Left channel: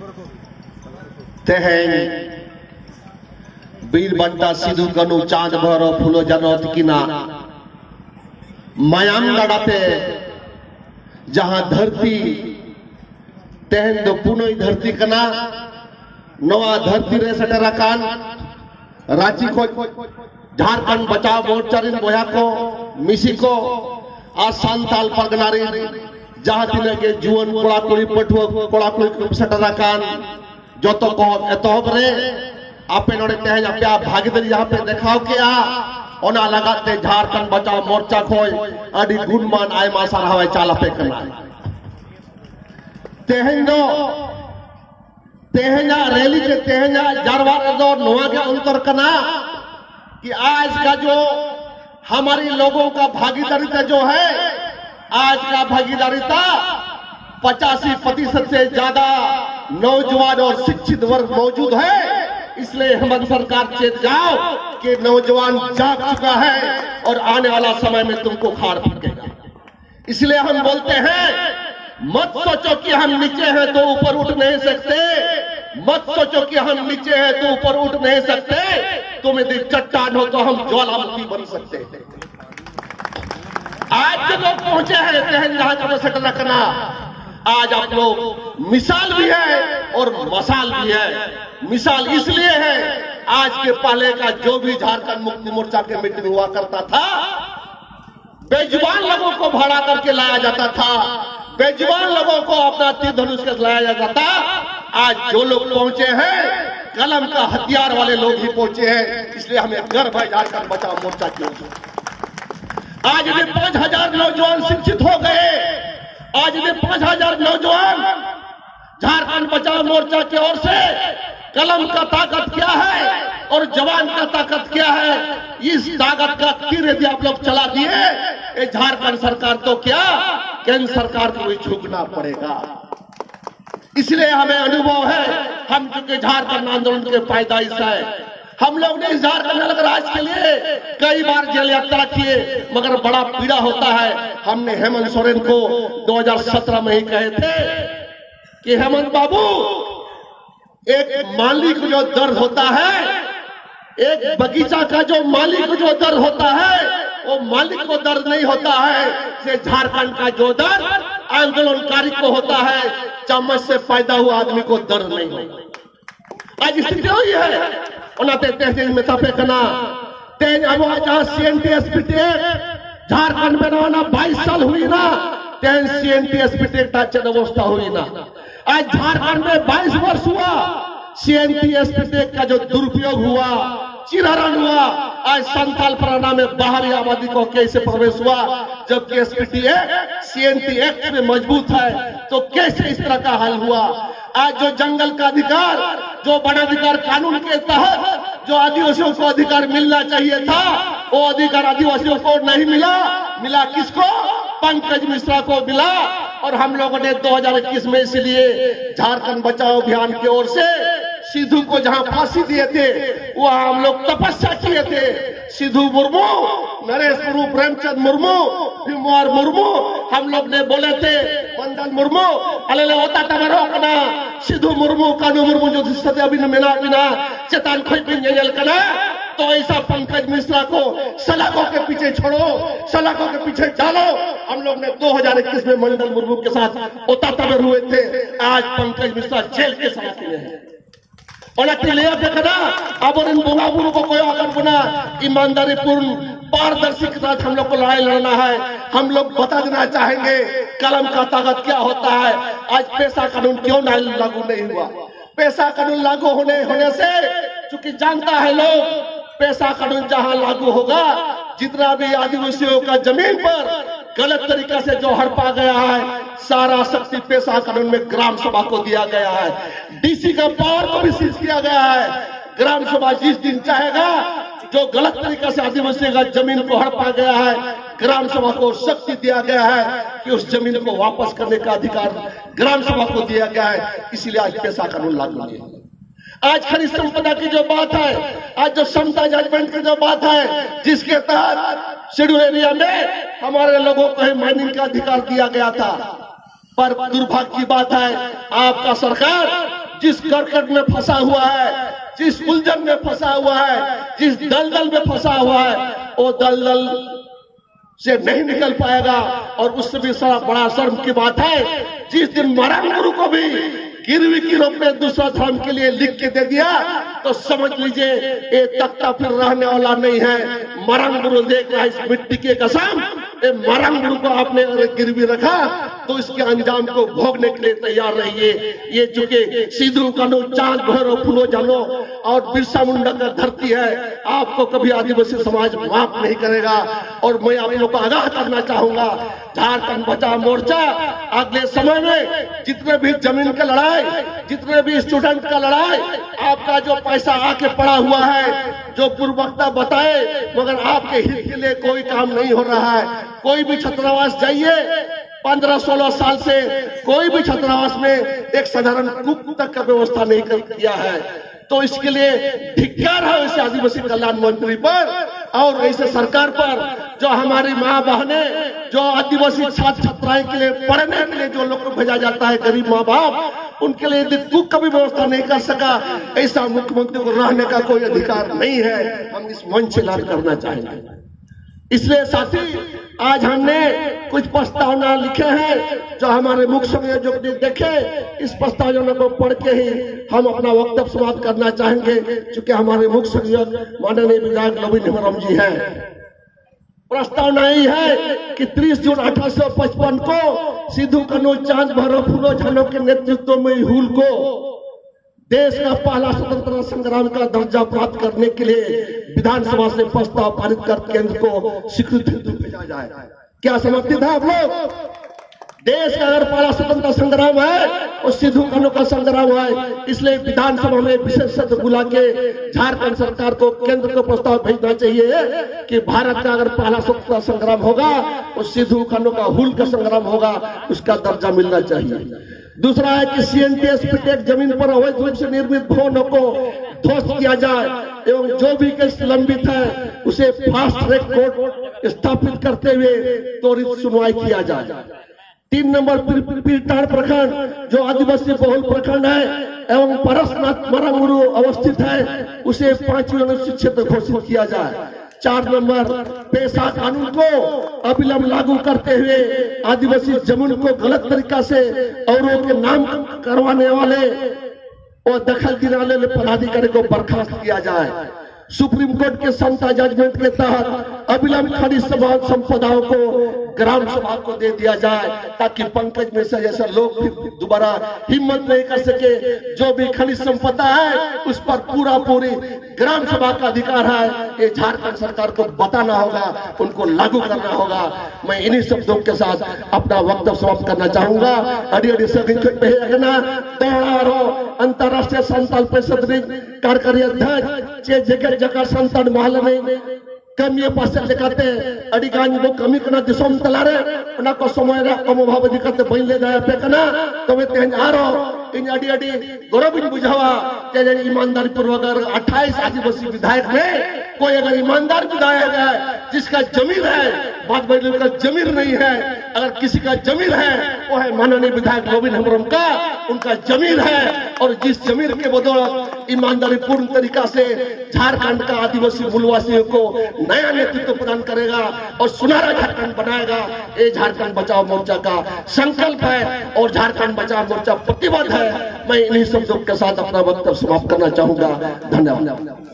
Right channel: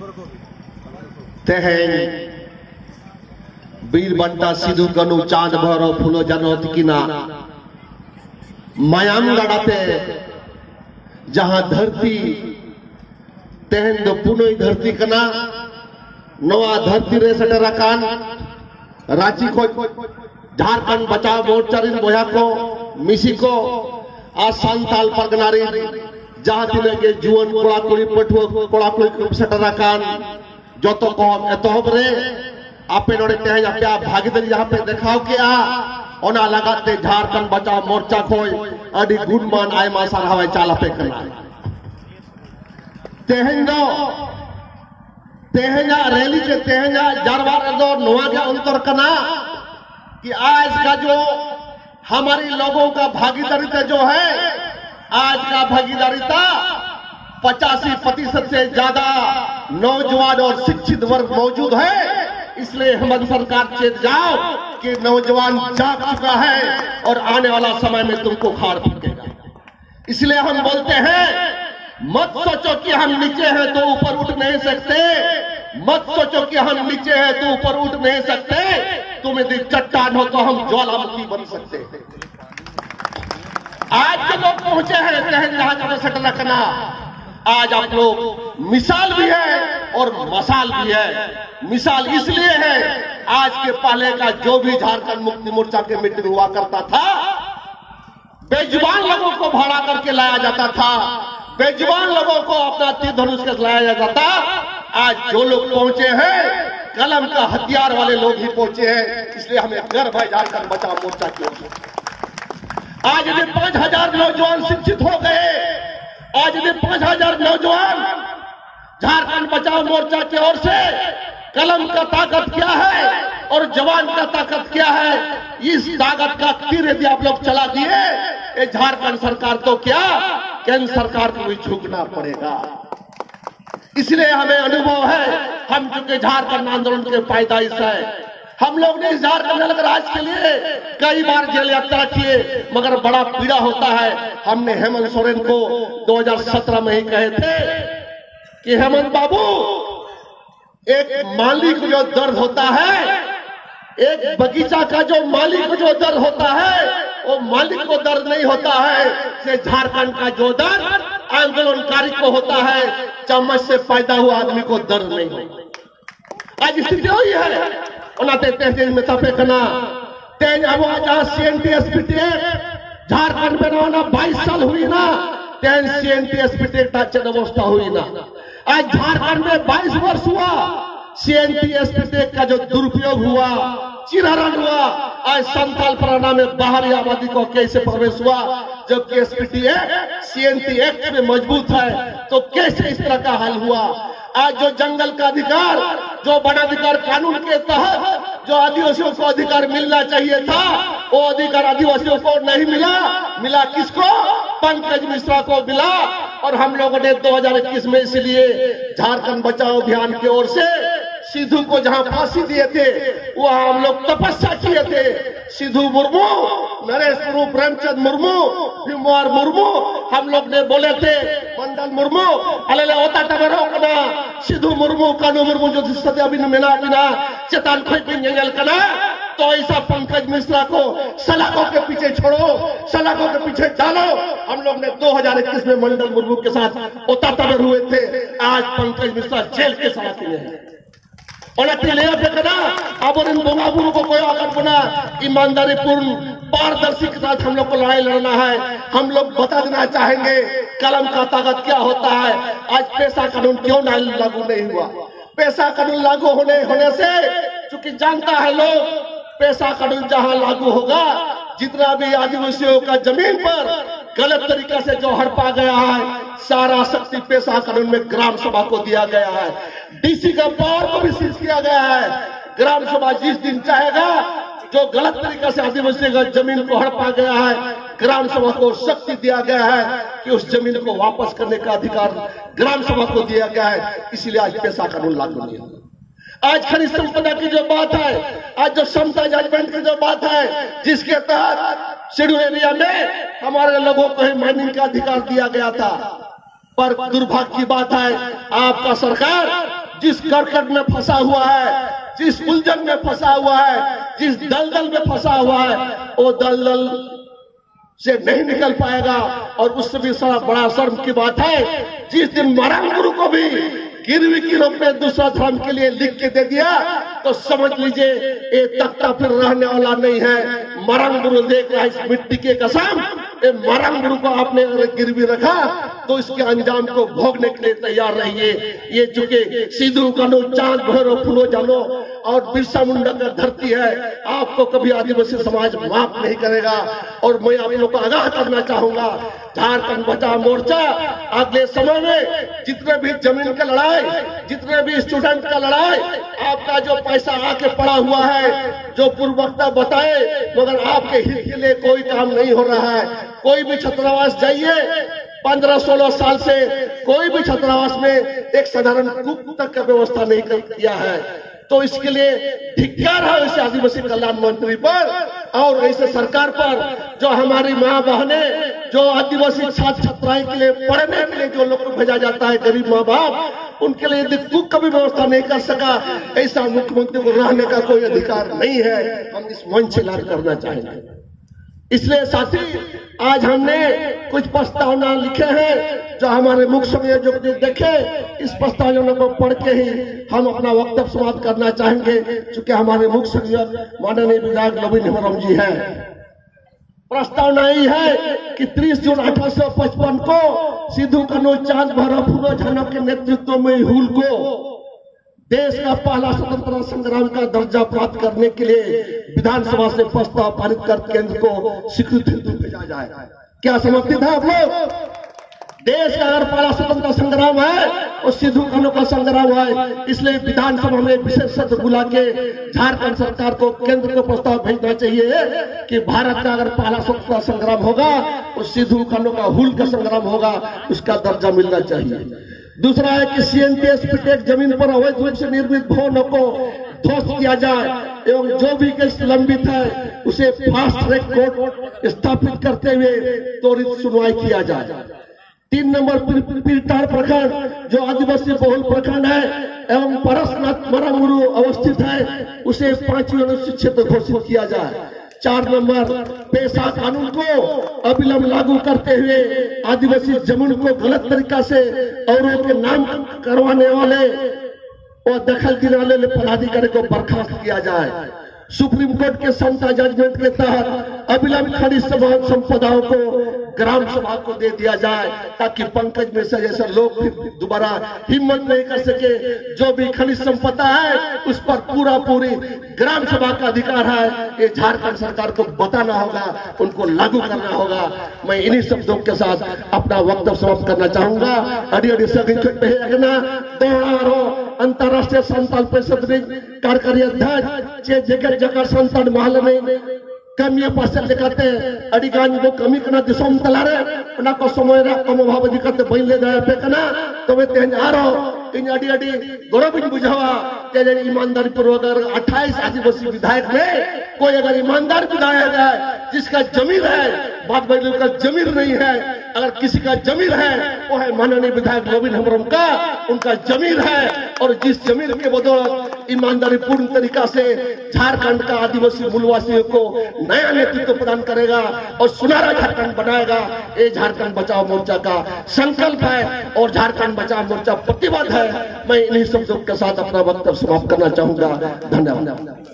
तेहें बीर बंटा सिद्धू कनु चांद भरो फूलो जनत किना मायाम पे जहां धरती तेहन दो पुनः धरती कना नवा धरती रे सटरा कान रांची को झारखंड बचाव मोर्चा बोया को मिसी को आ सांताल पगनारी जहां तिने के जुवन कोड़ा कोड़ी पठुआ कोड़ा कोड़ी सटरा कान जो तो को एतहब रे आपे नोड़े तेहन आपे भागीदारी यहाँ पे देखाव किया ओना लगाते झारखंड बचाव मोर्चा खोय अडी गुणमान आयमा सारावाय चाल पे करना तेहंगो तेहंगा रैली के तेहंगा जारवार दो नोआ के अंतर करना कि आज का जो हमारे लोगों का भागीदारिता जो है आज का भागीदारिता 85% से ज्यादा नौजवान और शिक्षित वर्ग मौजूद है। इसलिए हेमंत सरकार चेत जाओ कि नौजवान जाग चुका है और आने वाला समय में तुमको खार फेंकेगा। इसलिए हम बोलते हैं मत सोचो कि हम नीचे हैं तो ऊपर उठ नहीं सकते, मत सोचो कि हम नीचे हैं तो ऊपर उठ नहीं सकते, तुम यदि चट्टान हो तो हम ज्वालामुखी बन सकते हैं। आज जो लोग पहुंचे हैं तेहन जहाज में सटल रखना, आज आप लोग मिसाल भी है और मसाल भी है। मिसाल इसलिए है आज के पहले का जो भी झारखंड मुक्ति मोर्चा के मीटिंग हुआ करता था बेजुबान लोगों को भाड़ा करके लाया जाता था, बेजुबान लोगों को अपना तीर धनुष के लाया जाता था। आज जो लोग पहुंचे हैं कलम का हथियार वाले लोग ही पहुंचे हैं। इसलिए हमें गर्व है झारखंड बचाओ मोर्चा की ओर से। आज यदि 5000 नौजवान शिक्षित हो गए, आज यदि 5000 नौजवान झारखंड बचाओ मोर्चा की ओर से, कलम का ताकत क्या है और जवान का ताकत क्या है, इस ताकत का तीर यदि आप लोग चला दिए, ये झारखंड सरकार तो क्या केंद्र सरकार को भी झुकना पड़ेगा। इसलिए हमें अनुभव है, हम चूंकि झारखंड आंदोलन के पैदाइश है, हम लोग ने झारखंड अलग राज्य के लिए कई बार जेल यात्रा किए, मगर बड़ा पीड़ा होता है। हमने हेमंत सोरेन को 2017 में ही कहे थे कि हेमंत बाबू, एक माली को जो दर्द होता है, एक बगीचा का जो मालिक को जो दर्द होता है, वो मालिक को दर्द नहीं होता है, से झारखंड का जो दर्द आंदोलनकारी को होता है, चम्मच से पैदा हुआ आदमी को दर्द नहीं होता। आज स्थिति हुई है में तपे कना तेज आवाज CNTSPT झारखंड में रहना 22 साल हुई ना, तेज CNTSPT अवस्था हुई ना। आज झारखंड में 22 वर्ष हुआ, CNTSPT का जो दुरुपयोग हुआ, चिरहरण हुआ। आज संताल परगना में बाहरी आबादी को कैसे प्रवेश हुआ, जबकि SPT CNT एक्ट में मजबूत है, तो कैसे इस तरह का हाल हुआ। आज जो जंगल का अधिकार, जो वनाधिकार कानून के तहत जो आदिवासियों को अधिकार मिलना चाहिए था, वो अधिकार आदिवासियों को नहीं मिला। मिला किसको? पंकज मिश्रा को मिला। और हम लोगों ने 2021 में इसलिए झारखंड बचाओ अभियान की ओर से सिद्धू को जहां फांसी दिए थे, वहां हम लोग तपस्या किए थे। सिद्धू मुर्मू, नरेश मुर्मू, प्रेमचंद मुर्मू, भीमवार मुर्मू, हम लोग ने बोले थे मंडल मुर्मू अलेले होता टबरो कना सिद्धू मुर्मू कानू मुर्मू जो सदे अभी मेना बिना चेतन खैपिंगल कना। तो ऐसा पंकज मिश्रा को सलाखों के पीछे छोड़ो, सलाखों के पीछे डालो। हम लोग ने 2021 में मंडल मुर्मू के साथ ओता टबर हुए थे। आज पंकज मिश्रा जेल के सलाखे में है। अब इन बुलाबुल को कोई अगर गुना ईमानदारी पूर्ण पारदर्शी के साथ हम लोग को लड़ाई लड़ना है। हम लोग बता देना चाहेंगे कलम का ताकत क्या होता है। आज पेशा कानून क्यों लागू नहीं हुआ? पेशा कानून लागू होने से, चूंकि जानता है लोग, पेशा कानून जहां लागू होगा, जितना भी आदिवासियों का जमीन पर गलत तरीका से जो हड़पा गया है, सारा शक्ति पेशा कानून में ग्राम सभा को दिया गया है। DC का पावर को भी सीज किया गया है। ग्राम सभा जिस दिन चाहेगा, जो गलत तरीका से आदिवासी का जमीन को हड़पा गया है, ग्राम सभा को शक्ति दिया गया है कि उस जमीन को वापस करने का अधिकार ग्राम सभा को दिया गया है। इसीलिए आज पेशा कानून लागू नहीं होगा। आज खनिज संपदा की जो बात है, आज जो समता जजमेंट की जो बात है, जिसके तहत शेड्यूल एरिया में हमारे लोगों को ही माइनिंग का अधिकार दिया गया था, पर दुर्भाग्य की बात है आपका सरकार जिस करकट में फंसा हुआ है, जिस उलझन में फंसा हुआ है, जिस दलदल में फंसा हुआ है, वो दलदल से नहीं निकल पाएगा। और उससे भी बड़ा शर्म की बात है, जिस दिन मरण गुरु को भी गिरवी की रूप में दूसरा धर्म के लिए लिख के दे दिया, तो समझ लीजिए ये तख्ता फिर रहने वाला नहीं है। मरण गुरु देख रहा है इस मिट्टी के कसम, ये मरण गुरु को आपने अगर गिरवी रखा तो इसके अंजाम को भोगने के लिए तैयार रहिए। ये चूंकि सिद्धू कानू चांद भैरव फूलो जानो और बिरसा मुंडा का धरती है, आपको कभी आदिवासी समाज माफ नहीं करेगा। और मैं आप लोगों को आगाह करना चाहूंगा, झारखंड बचाओ मोर्चा अगले समय में जितने भी जमीन का लड़ाई, जितने भी स्टूडेंट का लड़ाई, आपका जो पैसा आके पड़ा हुआ है, जो पूर्ववक्ता बताए, मगर आपके हित के लिए कोई काम नहीं हो रहा है। कोई भी छात्रावास जाइए, 15-16 साल से कोई भी छात्रावास में एक साधारण कुक तक का व्यवस्था नहीं किया है। तो इसके लिए धिक्कार है ऐसे आदिवासी कल्याण मंत्री पर और ऐसे सरकार पर, जो हमारी माँ बहने, जो आदिवासी छात्र छात्राएं के लिए पढ़ने के लिए जो लोग को भेजा जाता है, गरीब माँ बाप, उनके लिए यदि कुक का भी व्यवस्था नहीं कर सका, ऐसा मुख्यमंत्री को रहने का कोई अधिकार नहीं है। हम इस मंच से ऐलान करना चाहेंगे। इसलिए साथी, आज हमने कुछ प्रस्तावना लिखे हैं जो हमारे मुख्य संयोजक जो देखे, इस प्रस्तावना को पढ़ के ही हम अपना वक्तव्य समाप्त करना चाहेंगे। चूंकि हमारे मुख्य संयोजक माननीय विधायक लविन हेम्ब्रम जी हैं। प्रस्तावना यही है कि 30 जून 1855 को सिद्धू कानू चांद भैरव फूलो जानो के नेतृत्व में हुल को देश का पहला स्वतंत्रता संग्राम का दर्जा प्राप्त करने के लिए विधानसभा से प्रस्ताव पारित कर केंद्र को स्वीकृति भेजा जाए। क्या समर्थित है आप लोग? देश का अगर पहला स्वतंत्रता संग्राम है तो सिद्धू कानू का संग्राम है। इसलिए विधानसभा में विशेष सत्र बुला के झारखंड सरकार को केंद्र को प्रस्ताव भेजना चाहिए कि भारत का अगर पहला स्वतंत्रता संग्राम होगा तो सिद्धू कानू का हुल का संग्राम होगा, उसका दर्जा मिलना चाहिए। दूसरा है कि सीएनटीएस पिटेक जमीन पर अवैध रूप से निर्मित भवनों को ध्वस्त किया जाए एवं जो भी केस लंबित है उसे फास्ट ट्रैक कोर्ट स्थापित करते हुए त्वरित सुनवाई किया जाए। 3 नंबर पीरटार प्रखंड जो आदिवासी बहुल प्रखंड है एवं परसनाथ मरंगुरु अवस्थित है, उसे 5वीं अनुसूचित क्षेत्र घोषित किया जाए। 4 नंबर पेशा कानून को अविलंब लागू करते हुए आदिवासी जमीन को गलत तरीका से औरों के नाम करवाने वाले और दखल दिलाने वाले पदाधिकारी को बर्खास्त किया जाए। सुप्रीम कोर्ट के समता जजमेंट के तहत अविलंब खनिज संपदाओं को ग्राम सभा को दे दिया जाए, ताकि पंकज मिश्रा जैसे लोग फिर दोबारा हिम्मत नहीं कर सके। जो भी खनिज संपदा है उस पर पूरी ग्राम सभा का अधिकार है। ये झारखंड सरकार को बताना होगा, उनको लागू करना होगा। मैं इन्हीं शब्दों के साथ अपना वक्तव्य समाप्त करना चाहूंगा। अड़ी अंतर्राष्ट्रीय संताल परिषद कार्यकारी अध्यक्ष जगह जगह संतान महल में कमी पासे दिखाते अड़ीगान को कमी करना दिशों तलारे उना को समय रा कम भाव दिखाते बन ले गया पे करना तो वे तेज आ रहा इन अड़ी अड़ी गौरव बुझावा तेज ईमानदारी पूर्वक अगर 28 आदिवासी विधायक में कोई अगर ईमानदार विधायक है जिसका जमीन है, बात बदल का जमीन नहीं है, अगर किसी का जमीन है वो है माननीय विधायक लविन हेम्ब्रम का, उनका जमीन है। और जिस जमीन के बदौलत ईमानदारी पूर्ण तरीका से झारखंड का आदिवासी मूलवासियों को नया नेतृत्व प्रदान करेगा और सुनहरा झारखंड बनाएगा, ये झारखंड बचाओ मोर्चा का संकल्प है और झारखंड बचाओ मोर्चा प्रतिबद्ध है। मैं इन्हीं शब्दों के साथ अपना वक्तव्य समाप्त करना चाहूंगा। धन्यवाद।